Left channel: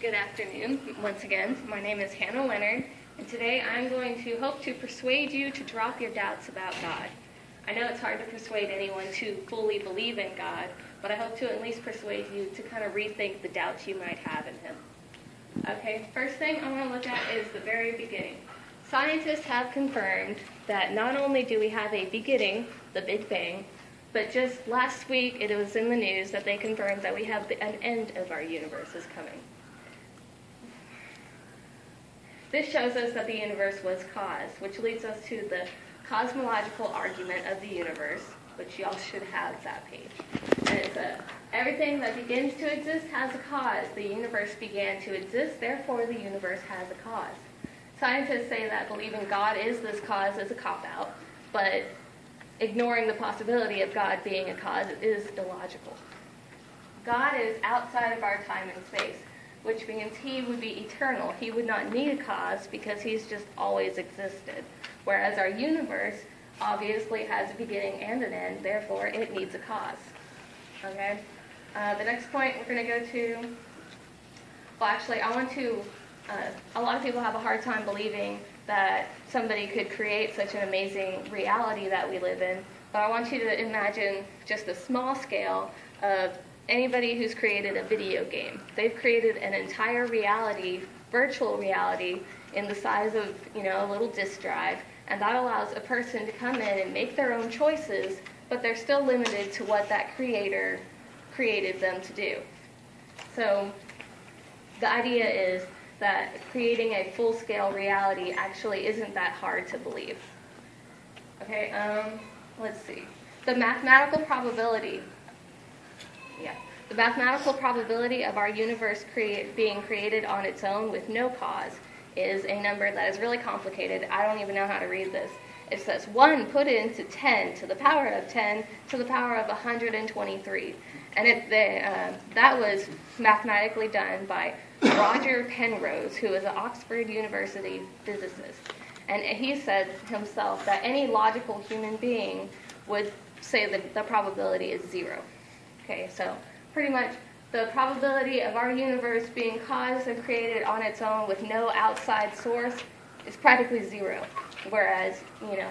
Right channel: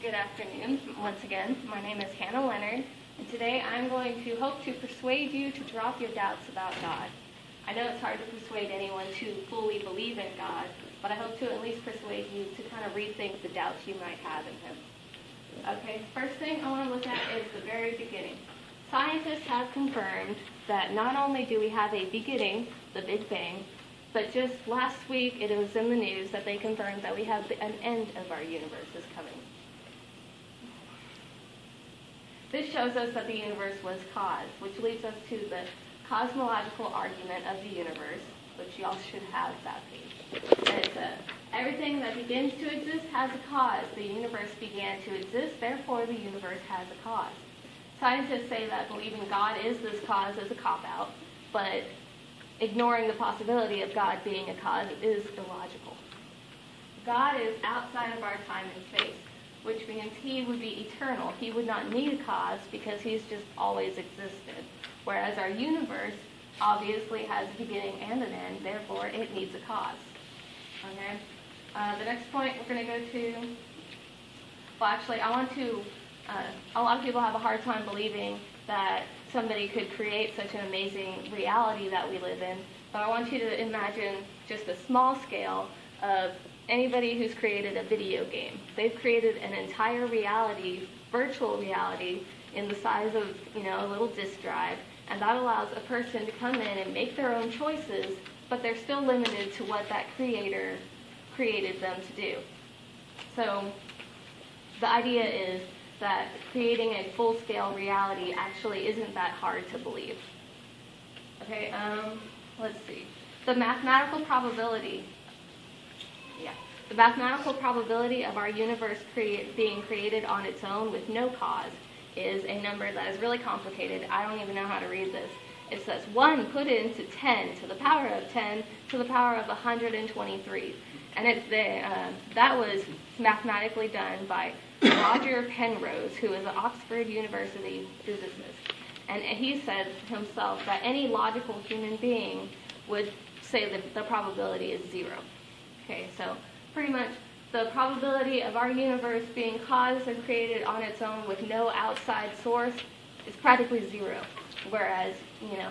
Good afternoon, once again. My name is Hannah Leonard, and today I'm going to hope to persuade you to drop your doubts about God. I know it's hard to persuade anyone to fully believe in God, but I hope to at least persuade you to kind of rethink the doubts you might have in Him. Okay, first thing I want to look at is the very beginning. Scientists have confirmed that not only do we have a beginning, the Big Bang, but just last week it was in the news that they confirmed that we have an end of our universe is coming. This shows us that the universe was caused, which leads us to the cosmological argument of the universe, which y'all should have that page. And it's everything that begins to exist has a cause. The universe began to exist, therefore the universe has a cause. Scientists say that believing God is this cause is a cop-out, but ignoring the possibility of God being a cause is illogical. God is outside of our time and space, which means he would be eternal. He would not need a cause because he's just always existed. Whereas our universe obviously has a beginning and an end, therefore it needs a cause. Okay? The next point we're going to go to, well actually I want to, a lot of people have a hard time believing that somebody could create such an amazing reality that we live in, but I want you to imagine just a small scale of anybody who's created a video game. They've created an entire reality, virtual reality, in the size of, a little disk drive, and that allows a person to come in and make their own choices, but they're still limited to what that creator created them to do. So the idea is that creating a full-scale reality actually isn't that hard to believe. Okay, let's see. The mathematical probability of our universe being created on its own with no cause is a number that is really complicated. I don't even know how to read this. It says 1 put into 10 to the power of 10 to the power of 123. And that was mathematically done by Roger Penrose, who is an Oxford University physicist. And he said himself that any logical human being would say that the probability is 0. Okay, so pretty much the probability of our universe being caused and created on its own with no outside source is practically 0. Whereas,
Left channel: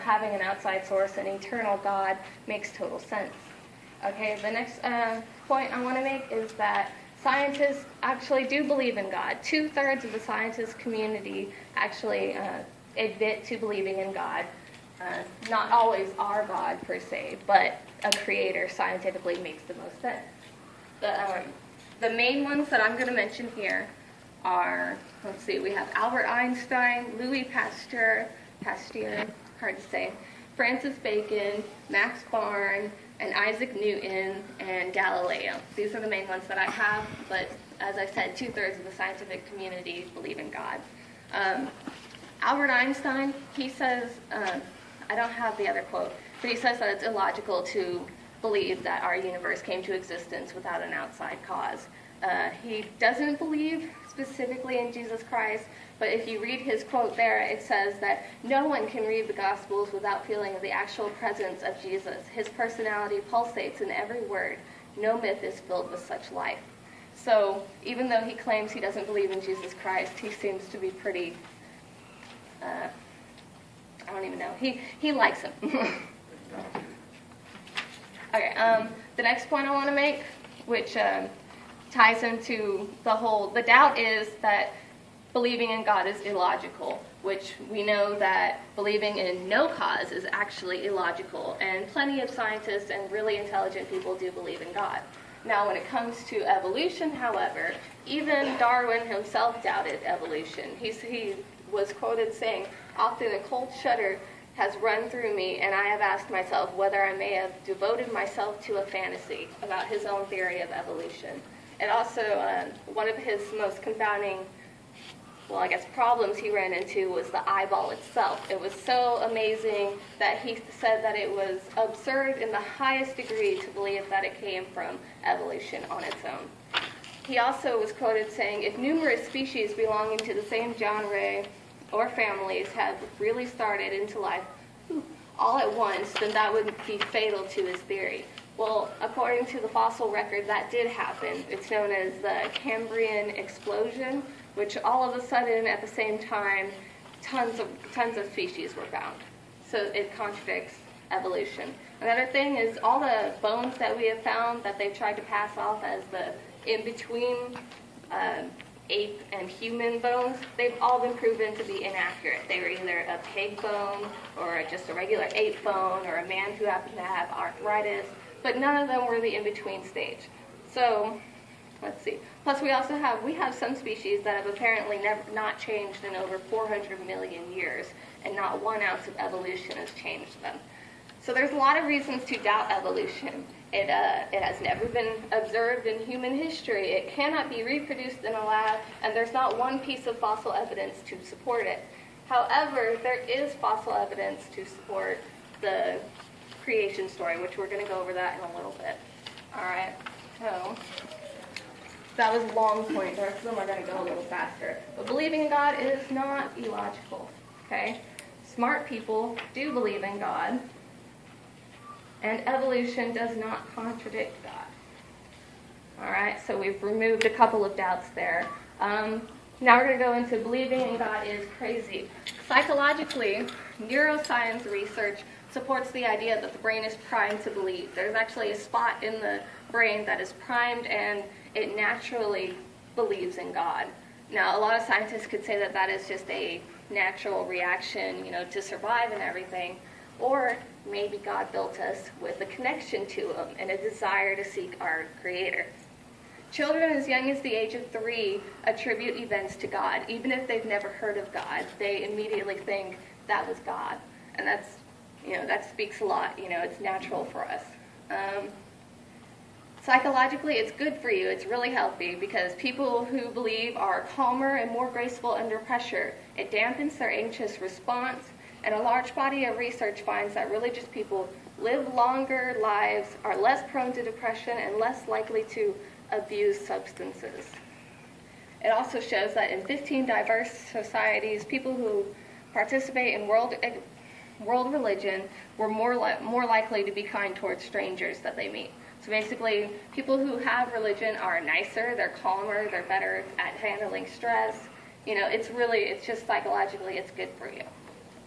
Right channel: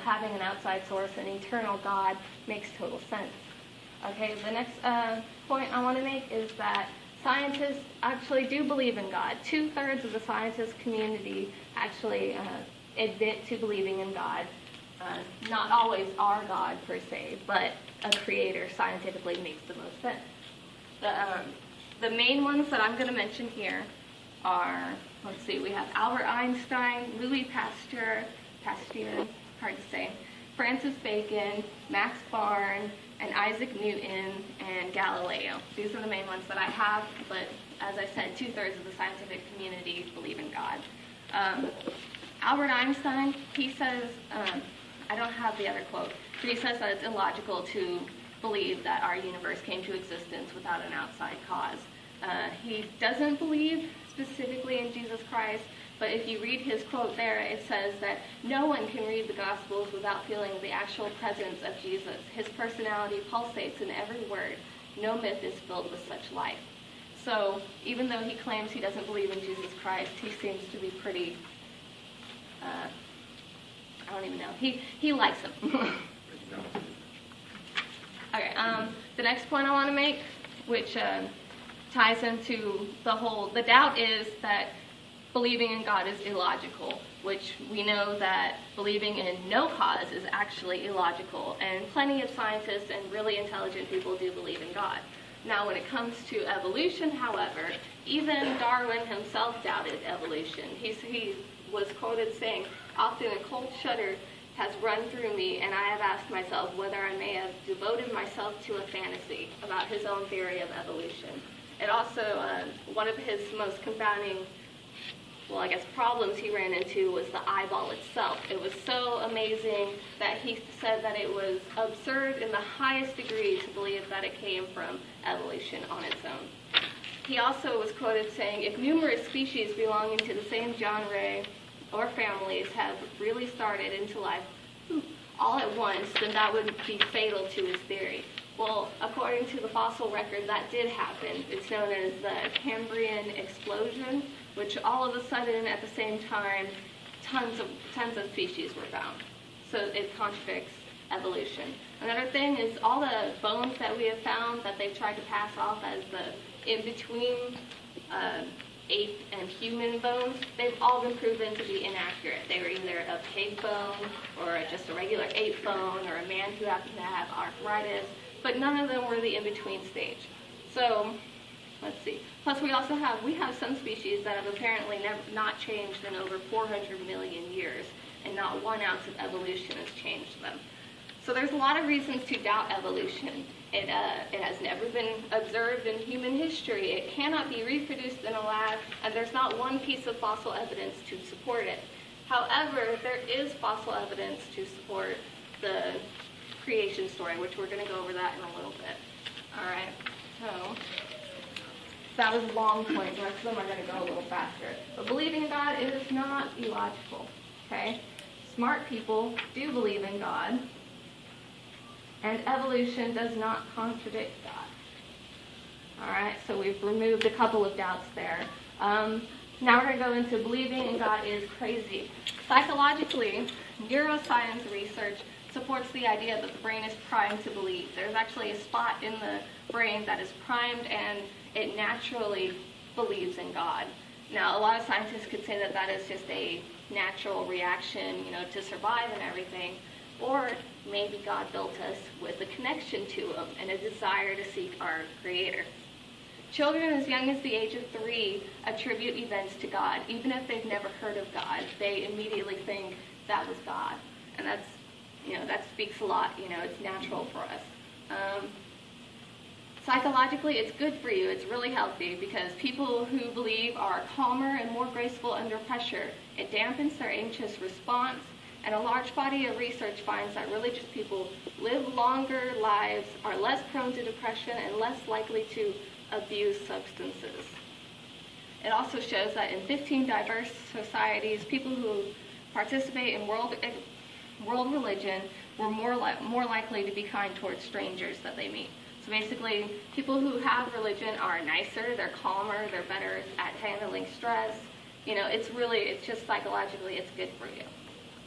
having an outside source, an eternal God, makes total sense. Okay, the next point I want to make is that scientists actually do believe in God. 2/3 of the scientist community actually admit to believing in God. Not always our God per se, but a creator scientifically makes the most sense. The main ones that I'm going to mention here are, let's see, we have Albert Einstein, Louis Pasteur, hard to say, Francis Bacon, Max Born, and Isaac Newton, and Galileo. These are the main ones that I have, but as I said, 2/3 of the scientific community believe in God. Albert Einstein, he says, I don't have the other quote, but he says that it's illogical to believe that our universe came to existence without an outside cause. He doesn't believe specifically in Jesus Christ, but if you read his quote there, it says that no one can read the Gospels without feeling the actual presence of Jesus. His personality pulsates in every word. No myth is filled with such life. So even though he claims he doesn't believe in Jesus Christ, he seems to be pretty, I don't even know. He likes him. Okay, the next point I want to make, which ties into the doubt is that believing in God is illogical, which we know that believing in no cause is actually illogical, and plenty of scientists and really intelligent people do believe in God. Now, when it comes to evolution, however, even Darwin himself doubted evolution. He was quoted saying, "Often a cold shudder has run through me, and I have asked myself whether I may have devoted myself to a fantasy," about his own theory of evolution. And also, one of his most confounding, problems he ran into was the eyeball itself. It was so amazing that he said that it was absurd in the highest degree to believe that it came from evolution on its own. He also was quoted saying, "If numerous species belonging to the same genre or families have really started into life all at once, then that would be fatal to his theory." Well, according to the fossil record, that did happen. It's known as the Cambrian explosion, which all of a sudden, at the same time, tons of species were found. So it contradicts evolution. Another thing is all the bones that we have found that they've tried to pass off as the in-between ape and human bones, they've all been proven to be inaccurate. They were either a pig bone or just a regular ape bone or a man who happened to have arthritis, but none of them were the in-between stage. So, let's see. Plus we have some species that have apparently not changed in over 400 million years, and not 1 ounce of evolution has changed them. So there's a lot of reasons to doubt evolution. It has never been observed in human history. It cannot be reproduced in a lab, and there's not one piece of fossil evidence to support it. However, there is fossil evidence to support the creation story, which we're going to go over that in a little bit. All right, so that was a long point. The rest of them are going to go a little faster. But believing in God is not illogical, okay? Smart people do believe in God, and evolution does not contradict God. All right, so we've removed a couple of doubts there. Now we're going to go into believing in God is crazy. Psychologically, neuroscience research supports the idea that the brain is primed to believe. There's actually a spot in the brain that is primed, and it naturally believes in God. Now, a lot of scientists could say that that is just a natural reaction, to survive and everything. Or maybe God built us with a connection to Him and a desire to seek our Creator. Children as young as the age of 3 attribute events to God. Even if they've never heard of God, they immediately think that was God. And that speaks a lot. It's natural for us. Psychologically, it's good for you. It's really healthy because people who believe are calmer and more graceful under pressure. It dampens their anxious response. And a large body of research finds that religious people live longer lives, are less prone to depression, and less likely to abuse substances. It also shows that in 15 diverse societies, people who participate in world religion were more likely to be kind towards strangers that they meet. So basically, people who have religion are nicer, they're calmer, they're better at handling stress. It's just psychologically, it's good for you.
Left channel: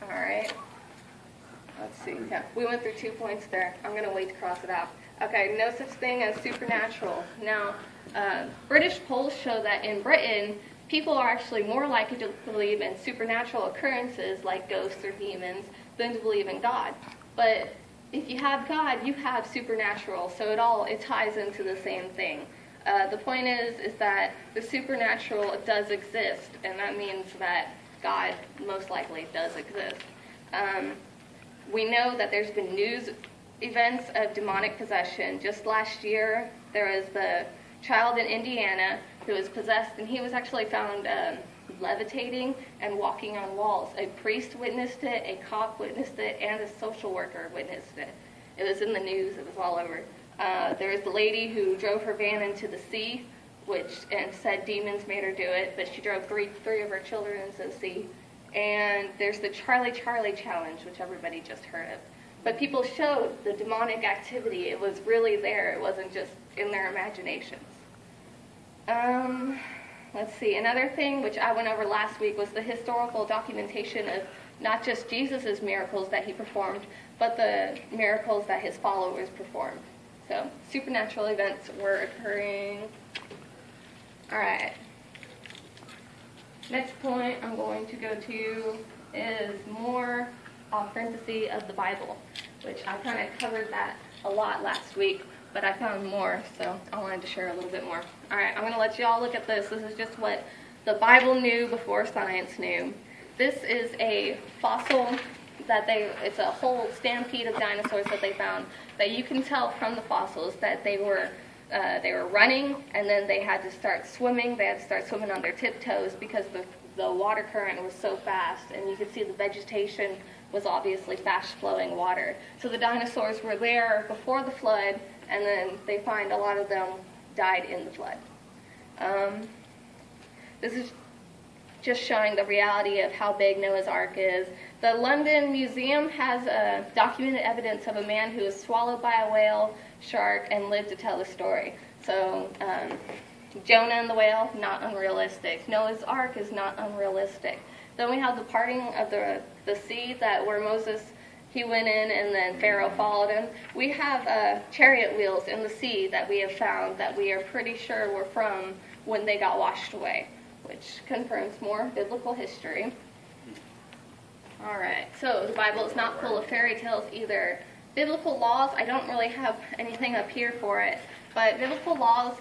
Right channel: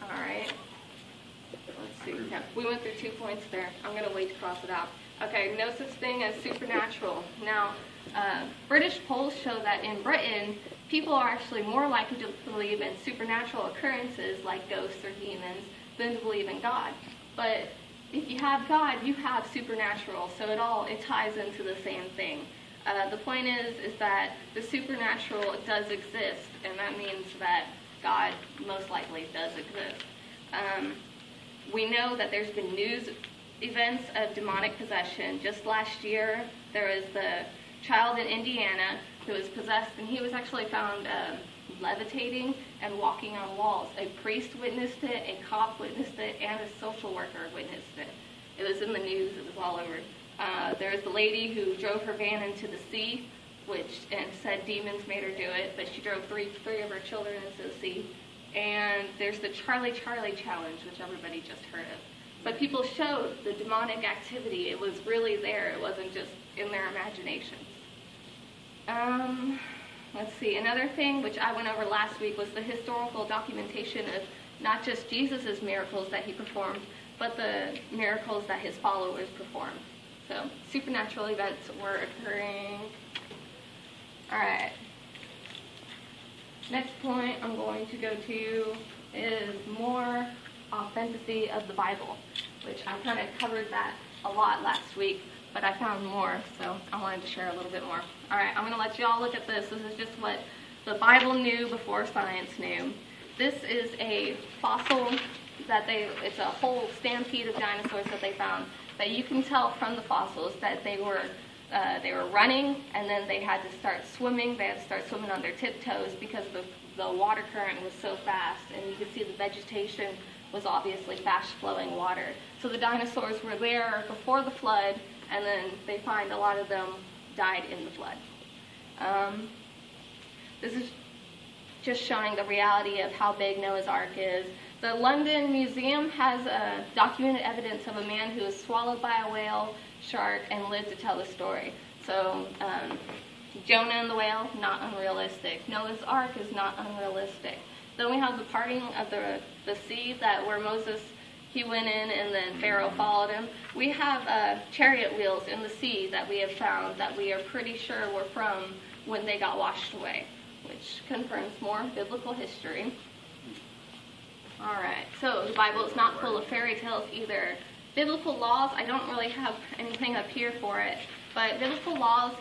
All right. Let's see. Yeah, we went through 2 points there. I'm going to wait to cross it out. Okay, no such thing as supernatural. Now, British polls show that in Britain, people are actually more likely to believe in supernatural occurrences like ghosts or demons than to believe in God. But if you have God, you have supernatural, so it ties into the same thing. The point is that the supernatural does exist, and that means that God most likely does exist. We know that there's been news events of demonic possession. Just last year, there was the child in Indiana who was possessed, and he was actually found levitating and walking on walls. A priest witnessed it, a cop witnessed it, and a social worker witnessed it. It was in the news. It was all over. There was the lady who drove her van into the sea, and said demons made her do it, but she drove three of her children into the sea. And there's the Charlie challenge, which everybody just heard of. But people showed the demonic activity. It was really there. It wasn't just in their imaginations. Let's see. Another thing, which I went over last week, was the historical documentation of not just Jesus' miracles that he performed, but the miracles that his followers performed. So supernatural events were occurring. All right. Next point I'm going to go to is more authenticity of the Bible, which I kind of covered that a lot last week, but I found more, so I wanted to share a little bit more. All right, I'm going to let you all look at this. This is just what the Bible knew before science knew. This is a fossil it's a whole stampede of dinosaurs that they found, that you can tell from the fossils that they were running, and then they had to start swimming. They had to start swimming on their tiptoes because the water current was so fast, and you could see the vegetation was obviously fast-flowing water. So the dinosaurs were there before the flood, and then they find a lot of them died in the flood. This is just showing the reality of how big Noah's Ark is. The London Museum has documented evidence of a man who was swallowed by a whale shark and lived to tell the story. So Jonah and the whale, not unrealistic. Noah's Ark is not unrealistic. Then we have the parting of the sea, that where Moses, he went in and then Pharaoh followed him. We have chariot wheels in the sea that we have found that we are pretty sure were from when they got washed away, which confirms more biblical history. All right, so the Bible is not full of fairy tales either. Biblical laws, I don't really have anything up here for it, but biblical laws,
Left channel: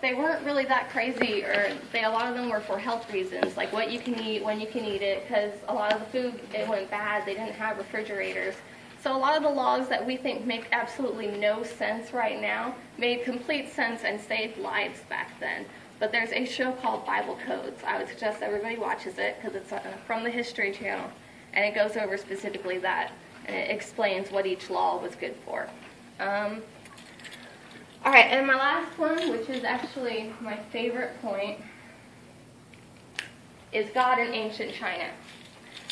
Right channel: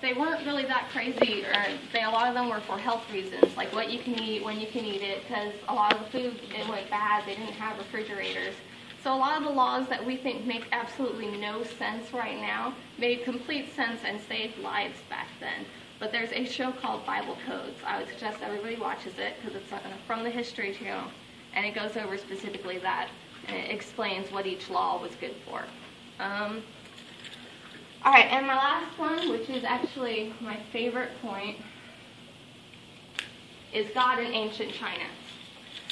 they weren't really that crazy, or a lot of them were for health reasons, like what you can eat, when you can eat it, because a lot of the food, it went bad, they didn't have refrigerators. So a lot of the laws that we think make absolutely no sense right now made complete sense and saved lives back then. But there's a show called Bible Codes. I would suggest everybody watches it because it's from the History Channel, and it goes over specifically that, and it explains what each law was good for. All right, and my last one, which is actually my favorite point, is God in ancient China.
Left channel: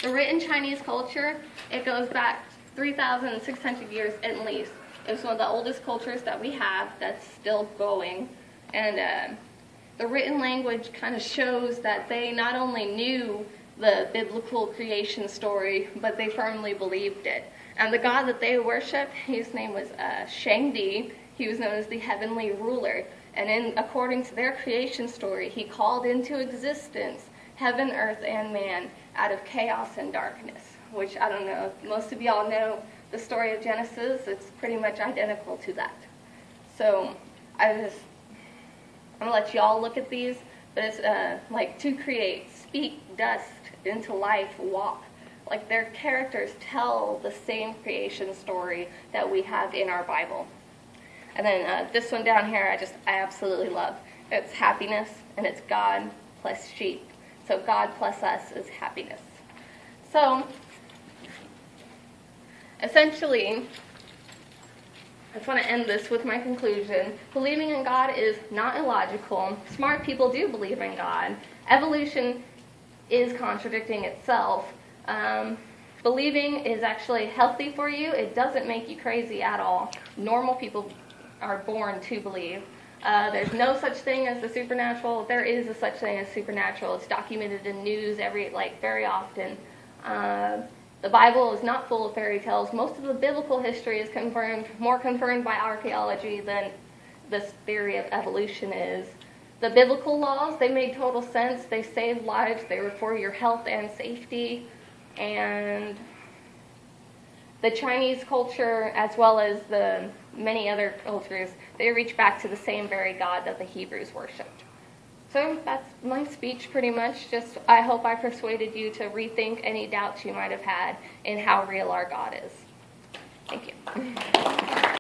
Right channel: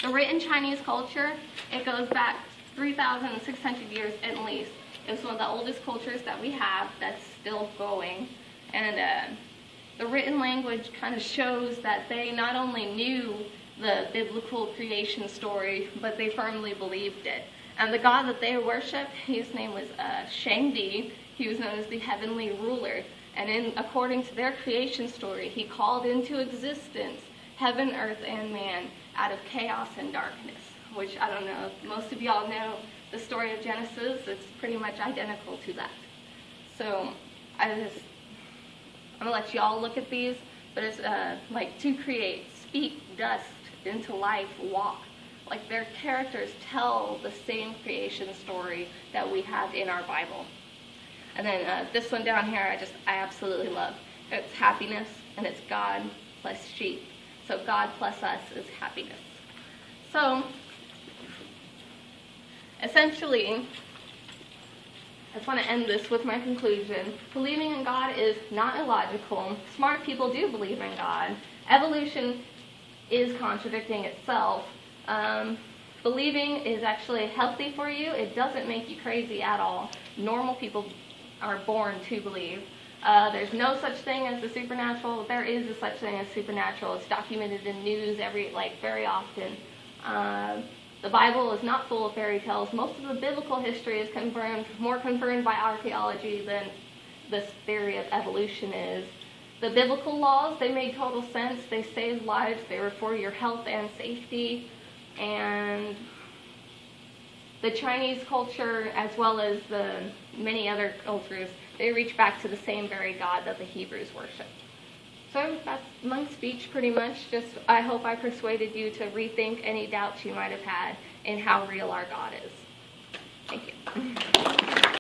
The written Chinese culture, it goes back 3,600 years at least. It's one of the oldest cultures that we have that's still going. And the written language kind of shows that they not only knew the biblical creation story, but they firmly believed it. And the God that they worshiped, his name was Shangdi. He was known as the heavenly ruler. And according to their creation story, he called into existence heaven, earth, and man out of chaos and darkness, which I don't know if most of y'all know the story of Genesis. It's pretty much identical to that. So I'm going to let y'all look at these, but it's like to create, speak dust into life, walk. Like their characters tell the same creation story that we have in our Bible. And then this one down here, I absolutely love. It's happiness, and it's God plus sheep. So God plus us is happiness. So essentially, I just want to end this with my conclusion. Believing in God is not illogical. Smart people do believe in God. Evolution is contradicting itself. Believing is actually healthy for you. It doesn't make you crazy at all. Normal people are born to believe. There's no such thing as the supernatural. There is a such thing as supernatural. It's documented in news very often. The Bible is not full of fairy tales. Most of the biblical history is more confirmed by archaeology than this theory of evolution is. The biblical laws, they made total sense. They saved lives. They were for your health and safety. And the Chinese culture, as well as the many other cultures, they reach back to the same very God that the Hebrews worshipped. So that's my speech pretty much. I hope I persuaded you to rethink any doubts you might have had in how real our God is. Thank you.